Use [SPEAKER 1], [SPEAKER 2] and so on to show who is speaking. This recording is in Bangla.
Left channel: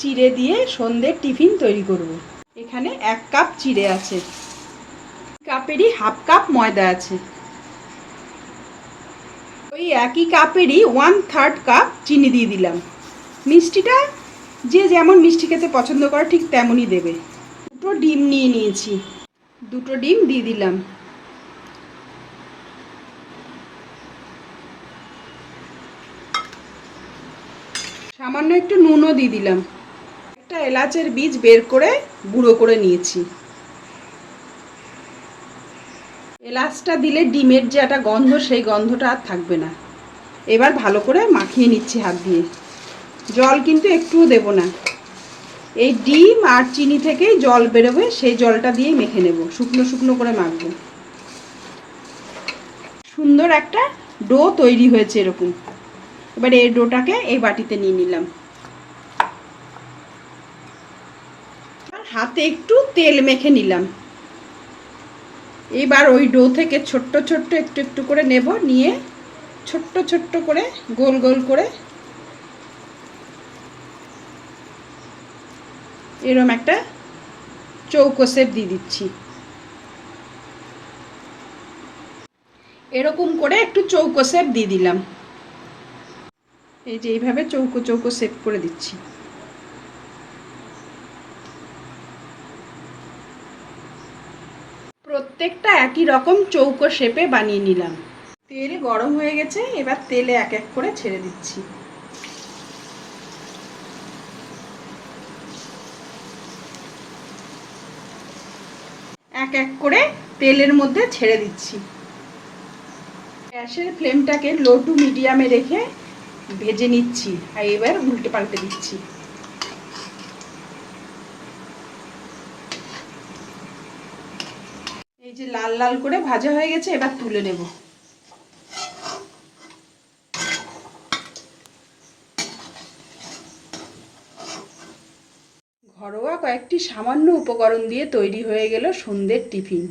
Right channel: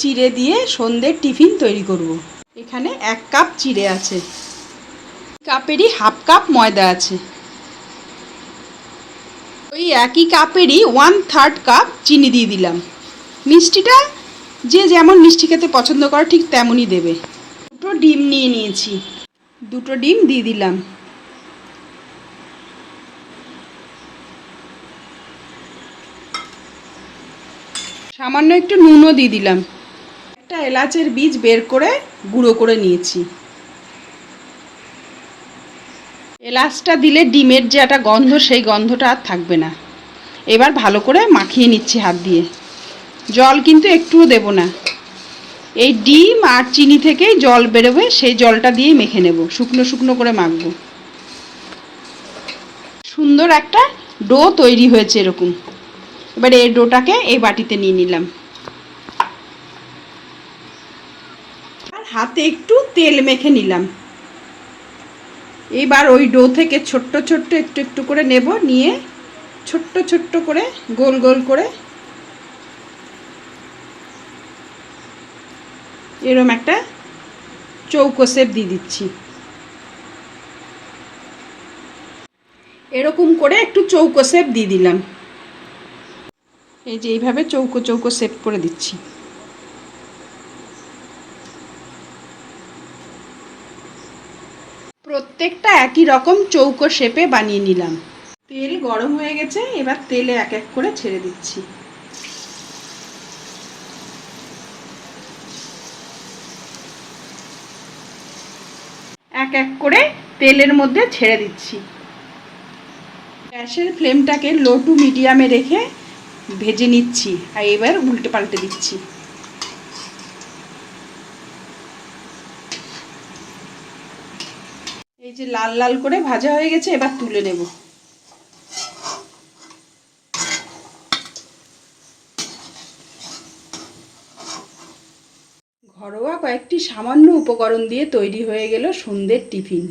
[SPEAKER 1] চিড়ে দিয়ে সন্ধ্যের টিফিন তৈরি করব। এখানে এক কাপ চিড়ে আছে। কাপেরই হাফ কাপ ময়দা আছে। ওই একই কাপেরই ওয়ান থার্ড কাপ চিনি দিয়ে দিলাম। মিষ্টিটা যে যেমন মিষ্টি খেতে পছন্দ করে ঠিক তেমনই দেবে। দুটো ডিম নিয়ে নিয়েছি। দুটো ডিম দিয়ে দিলাম। সামান্য একটু নুনও দিয়ে দিলাম। এলাচের বীজ বের করে গুঁড়ো করে নিয়েছি। এলাচটা দিলে ডিমের যে একটা গন্ধ, সেই গন্ধটা আর থাকবে না। এবার ভালো করে মাখিয়ে নিচ্ছি হাত দিয়ে। জল কিন্তু একটুও দেব না। এই ডিম আর চিনি থেকেই জল বেরোবে, সেই জলটা দিয়েই মেখে নেব। শুকনো শুকনো করে মাখবো। সুন্দর একটা ডো তৈরি হয়েছে এরকম। এবার এই ডোটাকে এই বাটিতে নিয়ে নিলাম। হাতে একটু তেল মেখে নিলাম। এবার ওই ডো থেকে ছোট্ট ছোট্ট একটু একটু করে নেব, নিয়ে ছোট্ট ছোট্ট করে গোল গোল করে এরম একটা চৌকো শেপ দিয়ে দিচ্ছি। এরকম করে একটু চৌকো শেপ দিয়ে দিলাম। এই যে এইভাবে চৌকো চৌকো শেপ করে দিচ্ছি। প্রত্যেকটা একই রকম চৌকো শেপে বানিয়ে নিলাম। তেল গরম হয়ে গেছে, এবার তেলে এক এক করে ছেড়ে দিচ্ছি। এক এক করে তেলের মধ্যে ছেড়ে দিচ্ছি। গ্যাসের ফ্লেমটাকে লো টু মিডিয়ামে রেখে ভেজে নিচ্ছি, আর এবার উল্টে পাল্টে দিচ্ছি। এই যে লাল লাল করে ভাজা হয়ে গেছে, এবার তুলে নেব। ঘরোয়া কয়েকটি সামান্য উপকরণ দিয়ে তৈরি হয়ে গেল সন্ধ্যের টিফিন।